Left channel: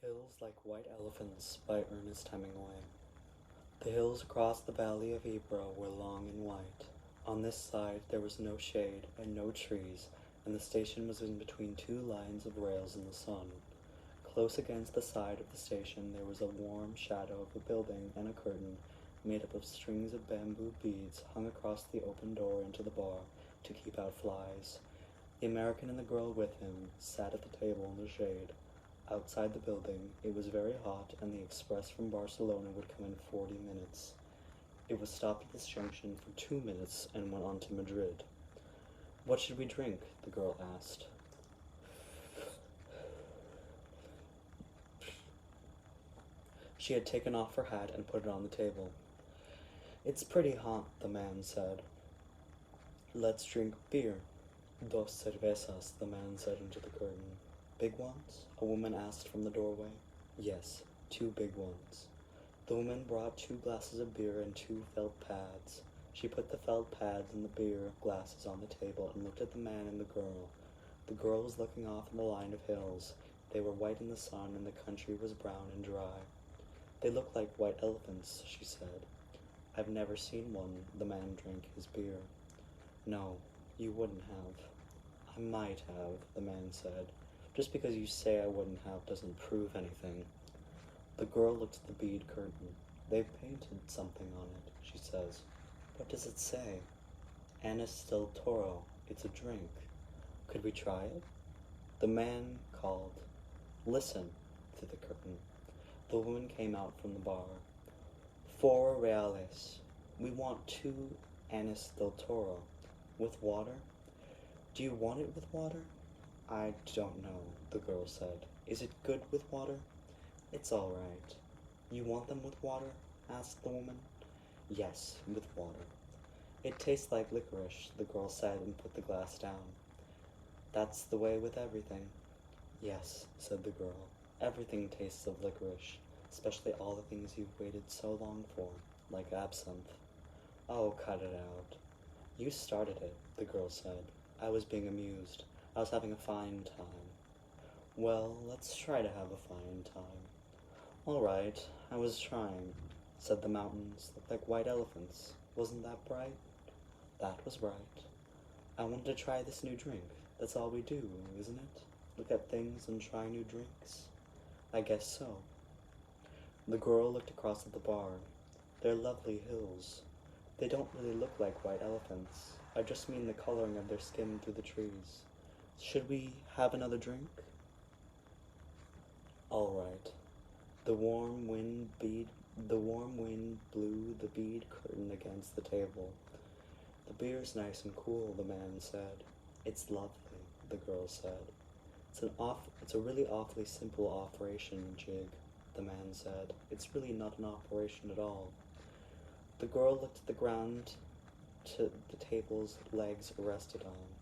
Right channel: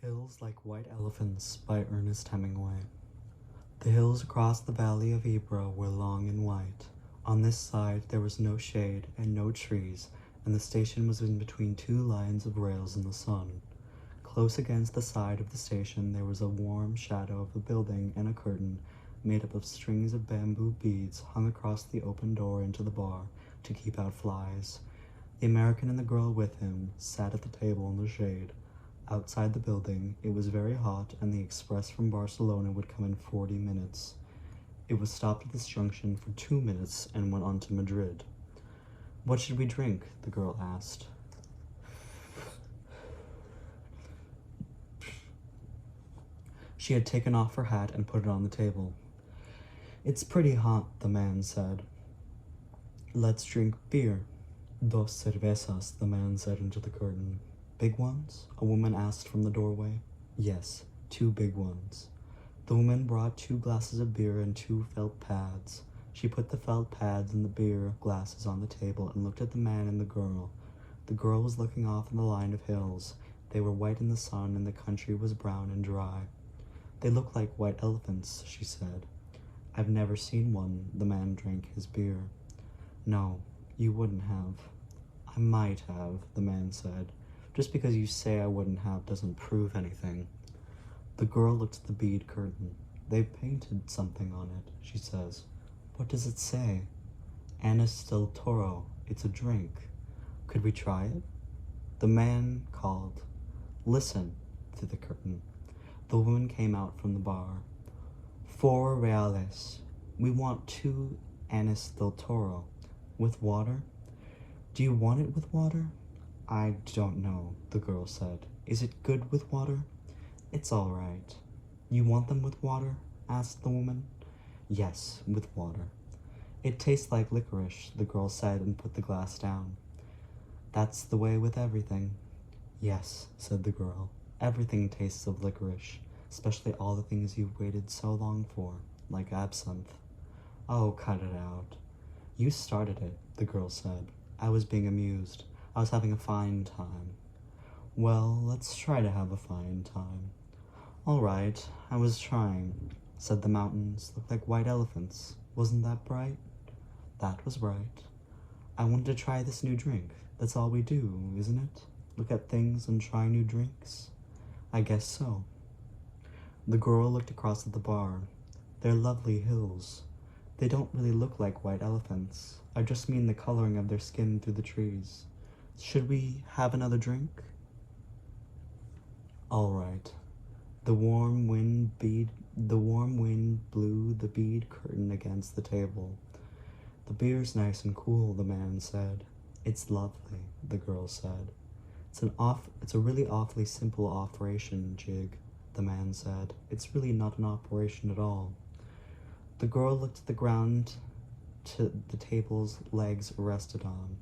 Hills Like White Elephants by Ernest Hemingway. The hills across the valley of Ypres were long and white. On this side there was no shade and no trees, and the station was in between two lines of rails in the sun. Close against the side of the station there was a warm shadow of a building and a curtain made up of strings of bamboo beads hung across the open door into the bar to keep out flies. The American and the girl with him sat at the table in the shade. Outside the building, it was very hot, and the express from Barcelona would come in 40 minutes. It was stopped at this junction for 2 minutes and went on to Madrid. "What should we drink?" the girl asked. She had taken off her hat and put it on the table. "It's pretty hot," the man said. "Let's drink beer." "Dos cervezas," the man said into the curtain. "Big ones?" a woman asked from the doorway. "Yes, 2 big ones." The woman brought 2 glasses of beer and 2 felt pads. She put the felt pads and the beer glasses on the table and looked at the man and the girl. The girl was looking off in the line of hills. They were white in the sun and the country was brown and dry. "They look like white elephants," she said. "I've never seen one." The man drank his beer. "No, you wouldn't have." "I might have," the man said. "Just because you say I wouldn't have doesn't prove anything." The girl looked at the bead curtain. "They've painted something on it," she says. "What does it say?" "Ernest del Toro. It's a drink. Could we try it?" The man called, "Listen," through the curtain. The woman came out from the bar. "4 reales. We want 2 Ernest del Toro. With water?" "Do you want it with water?" "I don't know," the girl said. "Is it good with water?" "It's all right." "You want them with water?" asked the woman. "Yes, with water." "It tastes like licorice," the girl said and put the glass down. "That's the way with everything." "Yes," said the girl. "Everything tastes of licorice, especially all the things you've waited so long for, like absinthe." "Oh, cut it out." "You started it," the girl said. "I was being amused. I was having a fine time." "Well, let's try to have a fine time." "All right, I was trying." Said the mountains looked like white elephants. Wasn't that bright? That was right. "I wanted to try this new drink. That's all we do, isn't it? Look at things and try new drinks?" "I guess so." The girl looked across at the bar. "They're lovely hills. They don't really look like white elephants. I just mean the coloring of their skin through the trees. Should we have another drink?" "All right." The warm wind blew the bead curtain against the table. "The beer's nice and cool," the man said. "It's lovely," the girl said. It's a really awfully simple operation, Jig," the man said. "It's really not an operation at all." The girl looked at the ground the table's legs rested on.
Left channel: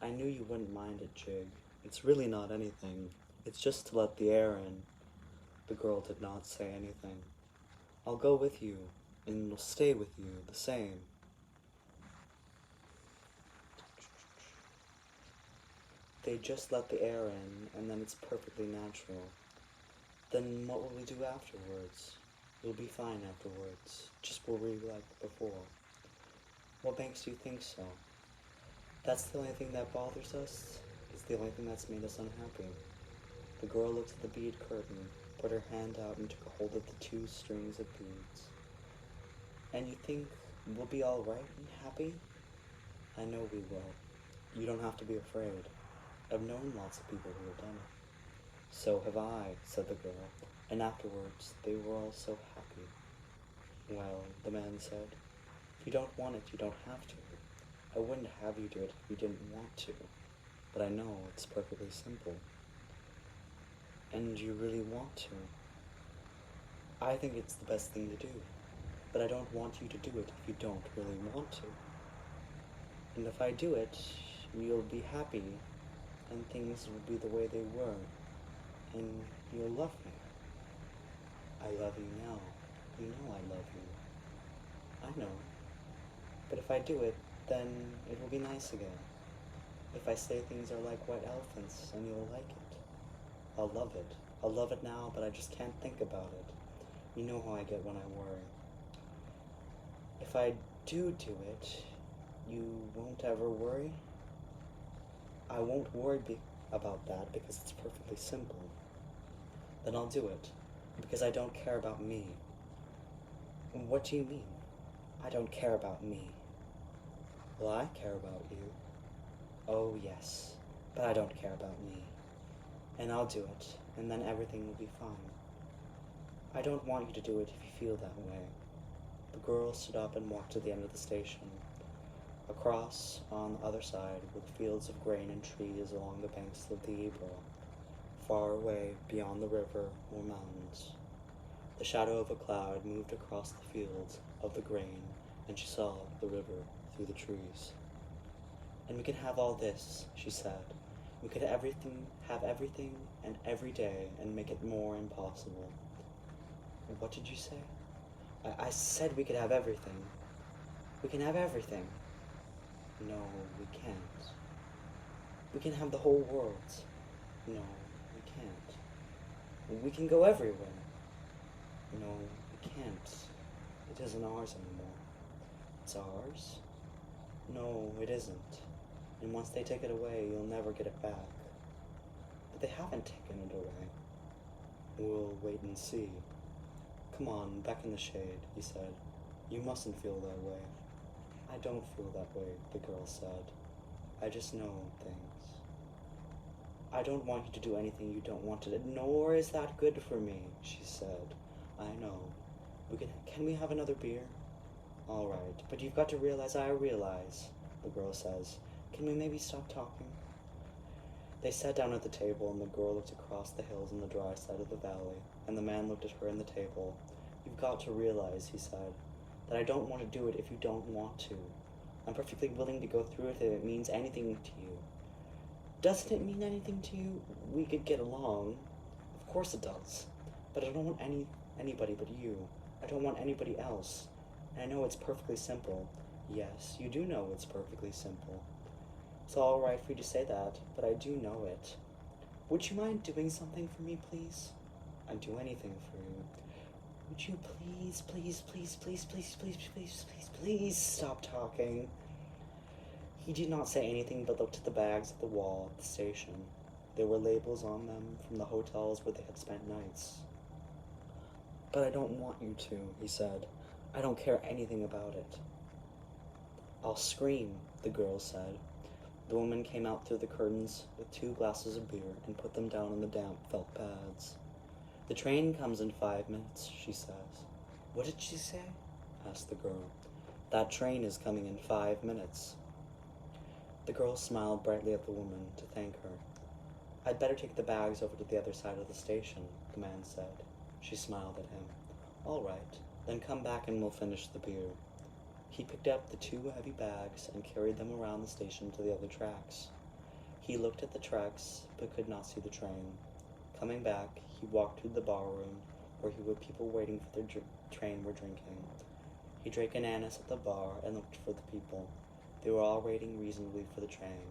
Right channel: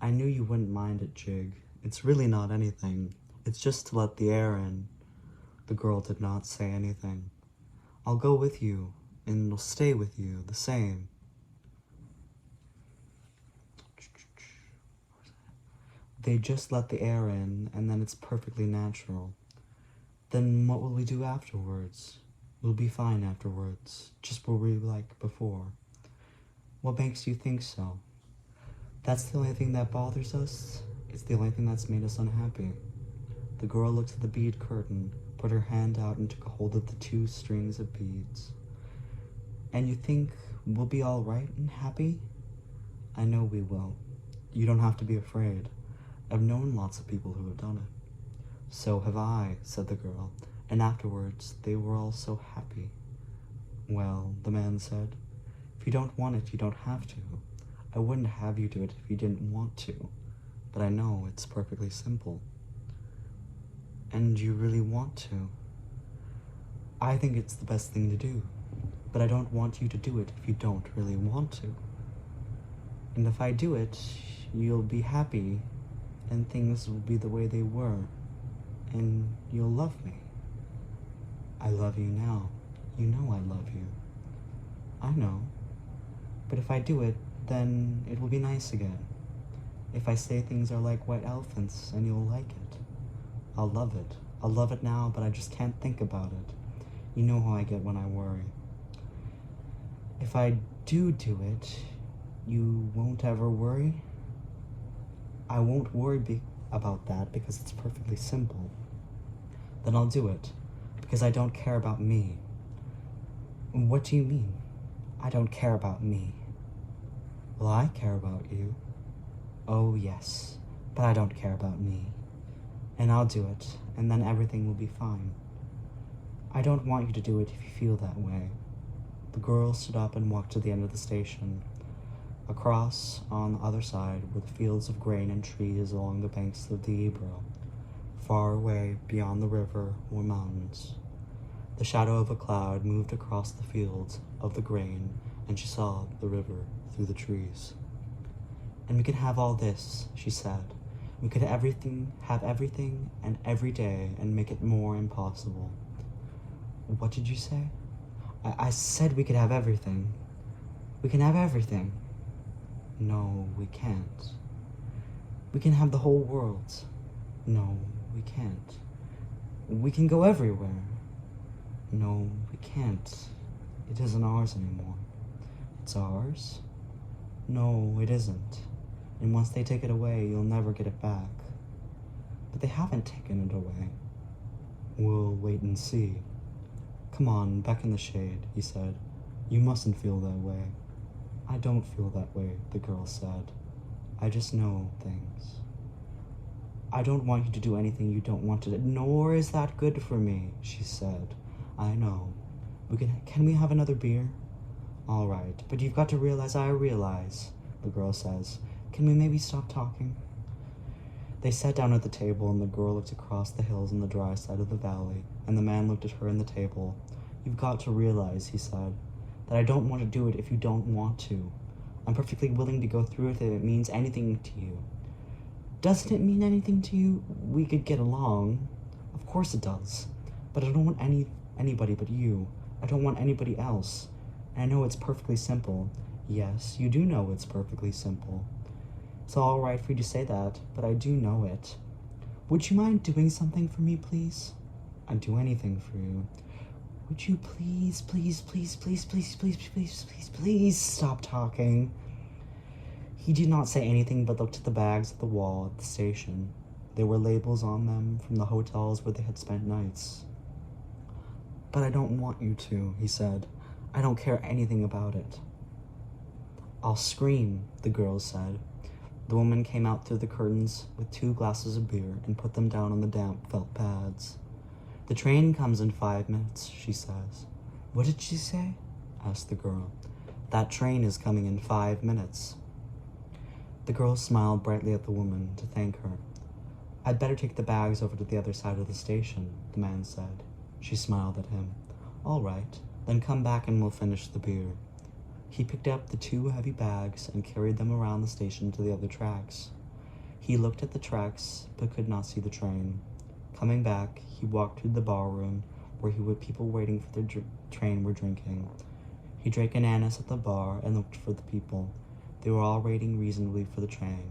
"I knew you wouldn't mind it, Jig. It's really not anything. It's just to let the air in." The girl did not say anything. "I'll go with you, and will stay with you, the same." "They just let the air in, and then it's perfectly natural." "Then what will we do afterwards?" "We'll be fine afterwards, just where we were like before." "What makes you think so?" "That's the only thing that bothers us. It's the only thing that's made us unhappy." The girl looked at the bead curtain, put her hand out and took a hold of the 2 strings of beads. "And you think we'll be all right and happy?" "I know we will. You don't have to be afraid. I've known lots of people who have done it." "So have I," said the girl, "and afterwards they were all so happy." "Well," the man said, "if you don't want it, you don't have to. I wouldn't have you do it if you didn't want to, but I know it's perfectly simple." "And you really want to?" "I think it's the best thing to do, but I don't want you to do it if you don't really want to. And if I do it, you'll be happy, and things will be the way they were, and you'll love me." "I love you now. You know I love you." "I know. But if I do it, then it will be nice again. If I say things are like white elephants and you'll like it, I'll love it. I'll love it now, but I just can't think about it. You know how I get when I worry. If I do it, you won't ever worry? I won't worry about that because it's perfectly simple. Then I'll do it, because I don't care about me. What do you mean? I don't care about me. Well, I care about you. Oh, yes, but I don't care about me. And I'll do it, and then everything will be fine. I don't want you to do it if you feel that way. The girl stood up and walked to the end of the station. Across, on the other side, were the fields of grain and trees along the banks of the Ebro. Far away, beyond the river, were mountains. The shadow of a cloud moved across the fields of the grain, and she saw the river through the trees. And we can have all this, she said. We could have everything, and every day, and make it more impossible. What did you say? I said we could have everything. We can have everything. No, we can't. We can have the whole world. No, we can't. We can go everywhere. No, we can't. It isn't ours anymore. It's ours? No, it isn't. And once they take it away, you'll never get it back. But they haven't taken it away. We'll wait and see. Come on, back in the shade, he said. You mustn't feel that way. I don't feel that way, the girl said. I just know things. I don't want you to do anything you don't want to do, nor is that good for me, she said. I know. Can we have another beer? All right, but you've got to realize I realize, the girl says. Can we maybe stop talking? They sat down at the table, and the girl looked across the hills on the dry side of the valley, and the man looked at her in the table. You've got to realize, he said, that I don't want to do it if you don't want to. I'm perfectly willing to go through it if it means anything to you. Doesn't it mean anything to you? We could get along. Of course it does. But I don't want anybody but you. I don't want anybody else. And I know it's perfectly simple. Yes, you do know it's perfectly simple. It's all right for you to say that, but I do know it. Would you mind doing something for me, please? I'd do anything for you. Would you please stop talking? He did not say anything but looked at the bags at the wall at the station. There were labels on them from the hotels where they had spent nights. But I don't want you to, he said. I don't care anything about it. I'll scream, the girl said. The woman came out through the curtains with 2 glasses of beer and put them down on the damp felt pads. The train comes in 5 minutes, she says. What did she say? Asked the girl. That train is coming in 5 minutes. The girl smiled brightly at the woman to thank her. I'd better take the bags over to the other side of the station, the man said. She smiled at him. All right, then come back and we'll finish the beer. He picked up the 2 heavy bags and carried them around the station to the other tracks. He looked at the tracks, but could not see the train. Coming back, he walked to the barroom where people waiting for their train were drinking. He drank an anise at the bar and looked for the people. They were all waiting reasonably for the train.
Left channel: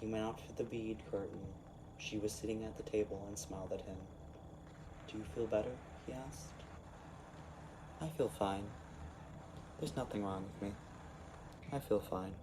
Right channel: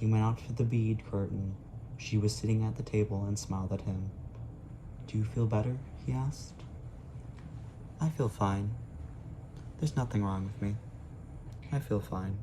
He went out to the bead curtain. She was sitting at the table and smiled at him. Do you feel better? He asked. I feel fine. There's nothing wrong with me. I feel fine.